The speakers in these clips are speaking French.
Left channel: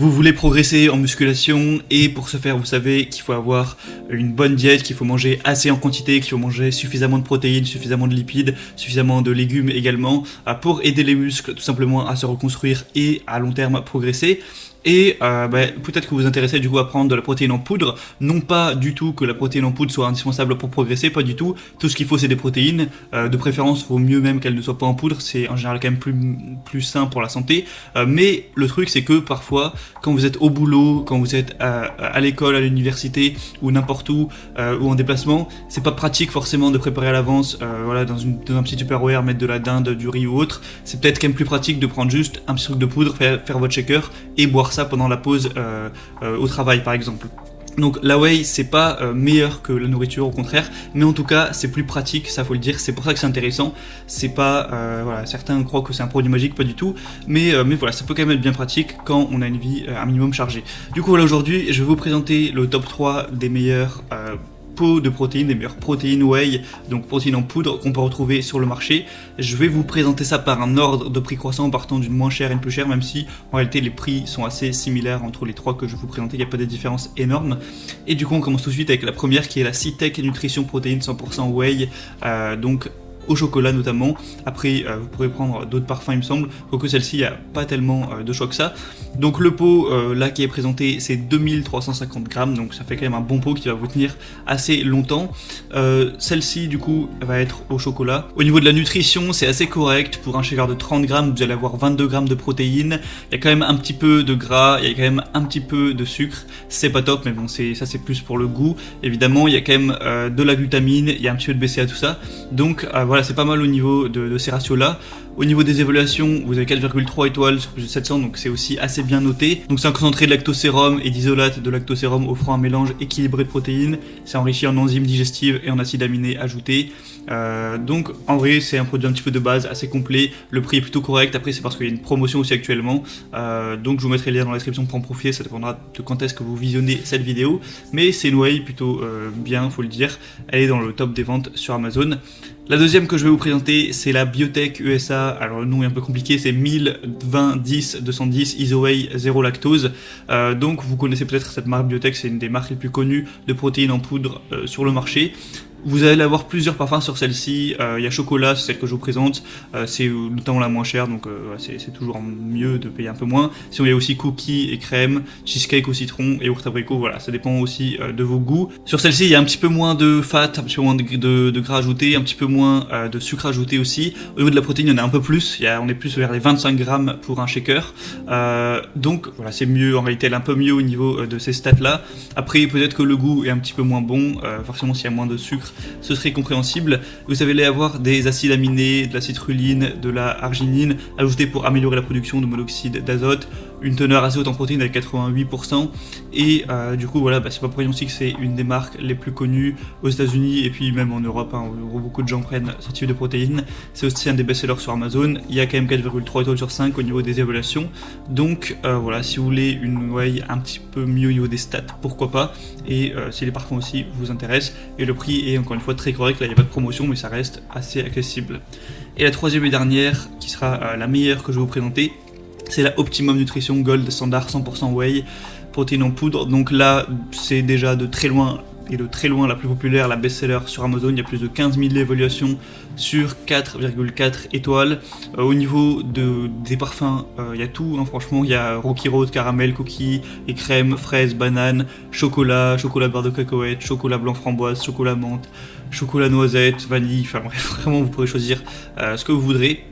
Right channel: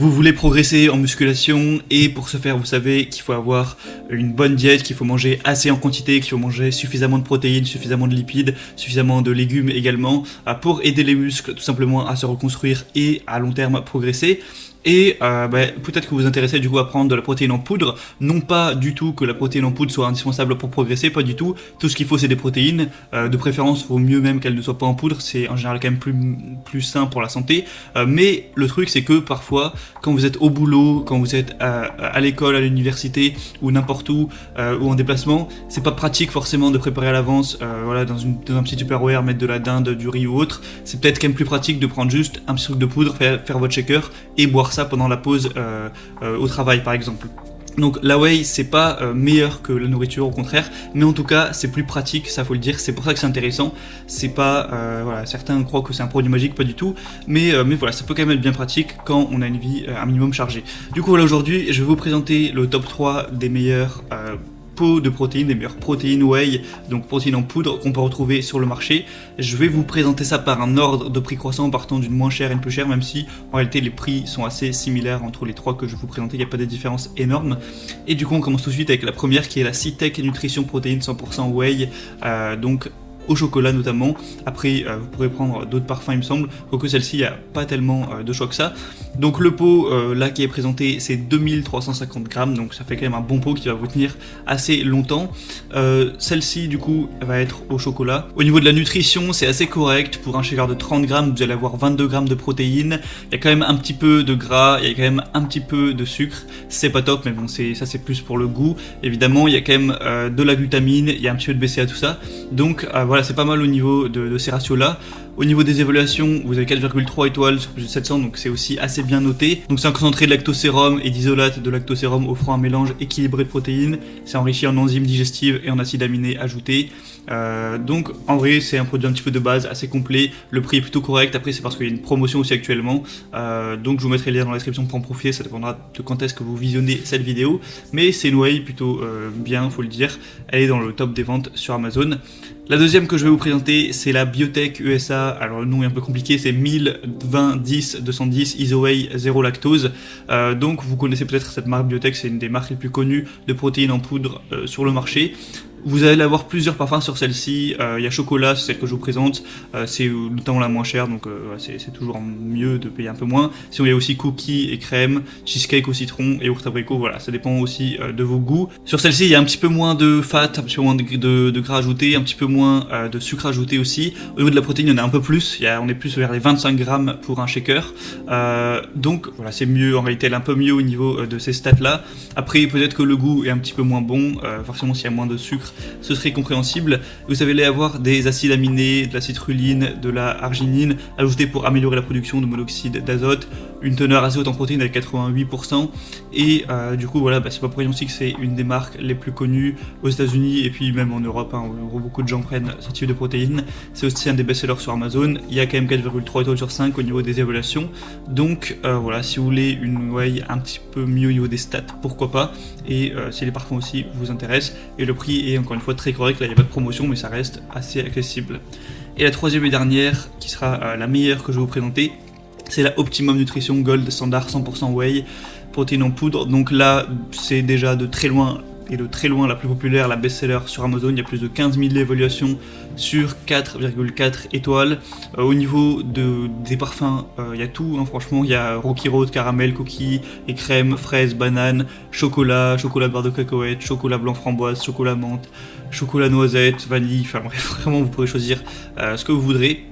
Vous voulez progresser en musculation et pour ce faire, vous savez qu'il faut avoir une bonne diète, qu'il faut manger assez en quantité, qu'il faut manger suffisamment de protéines, suffisamment de lipides, suffisamment de légumes également pour aider les muscles tout simplement à se reconstruire et à long terme à progresser. Et peut-être que vous vous intéressez du coup à prendre de la protéine en poudre, non pas du tout que la protéine en poudre soit indispensable pour progresser, pas du tout. Tout ce qu'il faut c'est des protéines, de préférence vaut mieux même qu'elles ne soient pas en poudre, c'est en général quand même plus sain pour la santé. Mais le truc c'est que parfois quand vous êtes au boulot, quand vous êtes à l'école, à l'université ou n'importe où ou en déplacement, c'est pas pratique forcément de préparer à l'avance, voilà, dans un petit Tupperware, mettre de la dinde, du riz ou autre. C'est peut-être quand même plus pratique de prendre juste un petit truc de poudre, faire votre shaker et boire ça pendant la pause au travail par exemple. Donc la whey c'est pas meilleur que la nourriture, au contraire, mais en tout cas c'est plus pratique, ça faut le dire, c'est pour ça que c'est intéressant. C'est pas voilà, certains croient que c'est un produit magique, pas du tout, mais voilà, ça peut quand même être bien pratique quand on a une vie un minimum chargée. Du coup voilà, aujourd'hui je vais vous présenter le top 3 des meilleurs pots de protéines, des meilleures protéines whey, donc protéines en poudre qu'on peut retrouver sur le marché. Je vais vous présenter ça par un ordre de prix croissant, partant du moins cher et le plus cher, même si en réalité les prix sont assez similaires entre les trois que je vais vous présenter, il n'y a pas de différence énorme. Et du coup on commence tout de suite avec la première qui est la Citec Nutrition Protéines 100% whey, donc au chocolat notamment. Après vous pouvez prendre d'autres parfums il me semble, quoique celle-ci il n'y a pas tellement de choix que ça. Donc le pot là qui est présenté c'est 2350 grammes, donc ça fait quand même un bon pot qui va vous tenir assez longtemps. Celle-ci du coup elle va être au chocolat. Au niveau de la nutrition c'est assez correct, pour un shaker de 30 grammes vous allez avoir 22 grammes de protéines, il y a quand même un petit peu de gras, il y a quand même un petit peu de sucre, c'est pas top mais bon ça c'est plus pour le goût. Évidemment il y a quand même de la glutamine, il y a un petit peu de BCA tout ça, donc voilà, c'est pas mal au niveau de ces ratios-là. Au niveau des évaluations, vous avez 4,3 étoiles sur plus de 700, donc c'est aussi assez bien noté. Donc c'est encore entrée de lactosérum et d'isolate de lactosérum offrant un mélange équilibré de protéines. C'est enrichi en enzymes digestives et en acides aminés ajoutés. Donc en vrai c'est un produit un petit peu de base, assez complet. Le prix est plutôt correct, après c'est parce qu'il y a une promotion aussi actuellement. Donc je vous mettrai le lien dans la description pour en profiter, ça dépendra de quand est-ce que vous visionnez cette vidéo. Mais c'est une whey plutôt bien, faut le dire. Elle est dans le top des ventes sur Amazon. La deuxième que je vais vous présenter, c'est la Biotech USA. Alors le nom est un peu compliqué, c'est 1020-10-210 Isowhey 0 lactose. Donc vous connaissez peut-être cette marque Biotech, c'est une des marques les plus connues de protéines en poudre sur le marché. Vous allez avoir plusieurs parfums sur celle-ci, il y a chocolat, c'est celle que je vous présente, c'est notamment la moins chère, donc c'est toujours mieux de payer un peu moins. Sinon il y a aussi cookies et crème, cheesecake au citron et yaourt abricot, voilà, ça dépend aussi de vos goûts. Sur celle-ci il y a un petit peu moins de fat, un petit peu moins de gras ajouté, un petit peu moins de sucre ajouté aussi. Au niveau de la protéine il y en a un peu plus, on est plus vers les 25 grammes pour un shaker, donc voilà c'est mieux, en réalité elle est un peu mieux au niveau de ces stats là. Après peut-être que le goût est un petit peu moins bon, forcément s'il y a moins de sucre ce serait compréhensible. Vous allez avoir des acides aminés, de la citrulline, de la arginine ajoutés pour améliorer la production de monoxyde d'azote, une teneur assez haute en protéines avec 88%, et du coup voilà, c'est pour aussi que c'est une des marques les plus connues aux États-Unis et puis même en Europe, en gros beaucoup de gens prennent ce type de protéines. C'est aussi un des best-sellers sur Amazon, il y a quand même 4,3 étoiles sur 5 au niveau des évaluations, donc voilà, si vous voulez une whey un petit peu mieux au niveau des stats, pourquoi pas, et si les parfums aussi vous intéressent, et le prix est encore une fois très correct, là il n'y a pas de promotion mais ça reste assez accessible. Et la troisième et dernière, qui sera la meilleure que je vais vous présenter, c'est la Optimum Nutrition Gold Standard 100% whey, protéines en poudre. Donc là, c'est déjà de très loin la plus populaire, la best-seller sur Amazon. Il y a plus de 15 000 évaluations sur 4,4 étoiles. Au niveau des parfums, il y a tout, hein, franchement. Il y a Rocky Road, caramel, cookies et crème, fraises, bananes, chocolat beurre de cacahuète, chocolat blanc framboise, chocolat menthe, chocolat noisette, vanille. Enfin bref, vraiment, vous pourrez choisir ce que vous voudrez.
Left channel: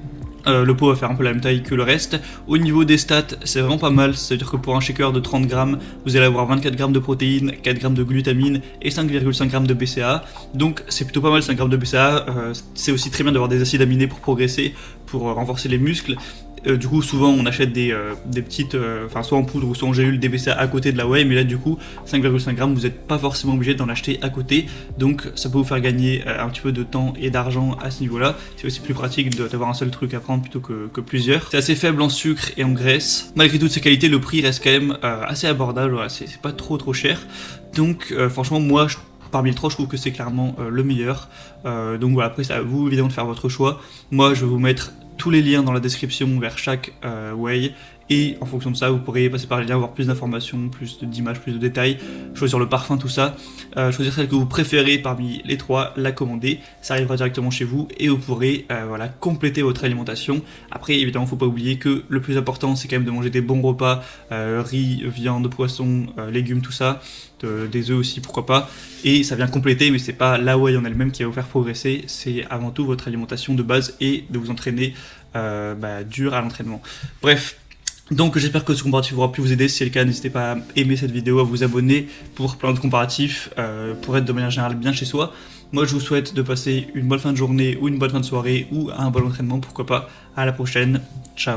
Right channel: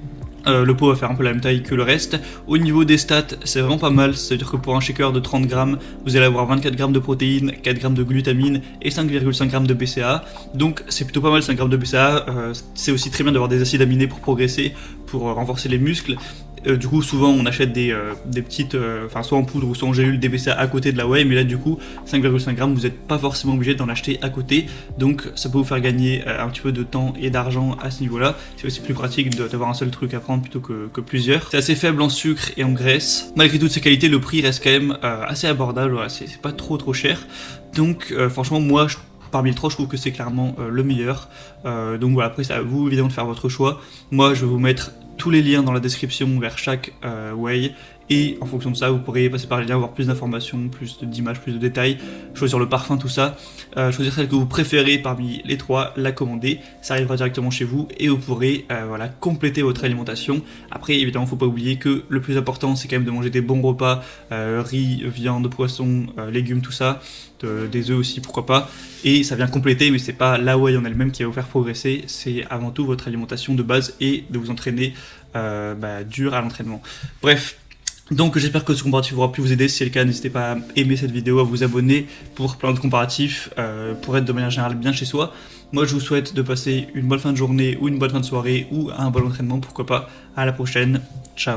Le pot va faire un peu la même taille que le reste. Au niveau des stats, c'est vraiment pas mal, c'est-à-dire que pour un shaker de 30 grammes, vous allez avoir 24 grammes de protéines, 4 grammes de glutamine et 5,5 grammes de BCA. Donc c'est plutôt pas mal, 5 grammes de BCA. C'est aussi très bien d'avoir des acides aminés pour progresser, pour renforcer les muscles. Du coup souvent on achète des petites, soit en poudre ou soit en gélule, des BCA à côté de la whey, mais là du coup 5,5 grammes vous n'êtes pas forcément obligé d'en acheter à côté, donc ça peut vous faire gagner un petit peu de temps et d'argent à ce niveau là. C'est aussi plus pratique d'avoir un seul truc à prendre plutôt que plusieurs. C'est assez faible en sucre et en graisse, malgré toutes ces qualités le prix reste quand même assez abordable, voilà, c'est pas trop cher, donc franchement moi parmi les trois je trouve que c'est clairement le meilleur. Donc voilà, après c'est à vous évidemment de faire votre choix. Moi je vais vous mettre tous les liens dans la description vers chaque whey Et en fonction de ça, vous pourrez passer par le lien, avoir plus d'informations, plus d'images, plus de détails, choisir le parfum, tout ça, choisir celle que vous préférez parmi les trois, la commander, ça arrivera directement chez vous et vous pourrez voilà, compléter votre alimentation. Après, évidemment, faut pas oublier que le plus important, c'est quand même de manger des bons repas, riz, viande, poisson, légumes, tout ça, des œufs aussi, pourquoi pas. Et ça vient compléter, mais c'est pas la whey en elle-même qui va vous faire progresser, c'est avant tout votre alimentation de base et de vous entraîner dur à l'entraînement. Bref. Donc j'espère que ce comparatif aura pu vous aider. Si c'est le cas, n'hésitez pas à aimer cette vidéo, à vous abonner pour plein de comparatifs, pour être de manière générale bien chez soi. Moi je vous souhaite de passer une bonne fin de journée ou une bonne fin de soirée ou un bon entraînement, pourquoi pas. À la prochaine, ciao.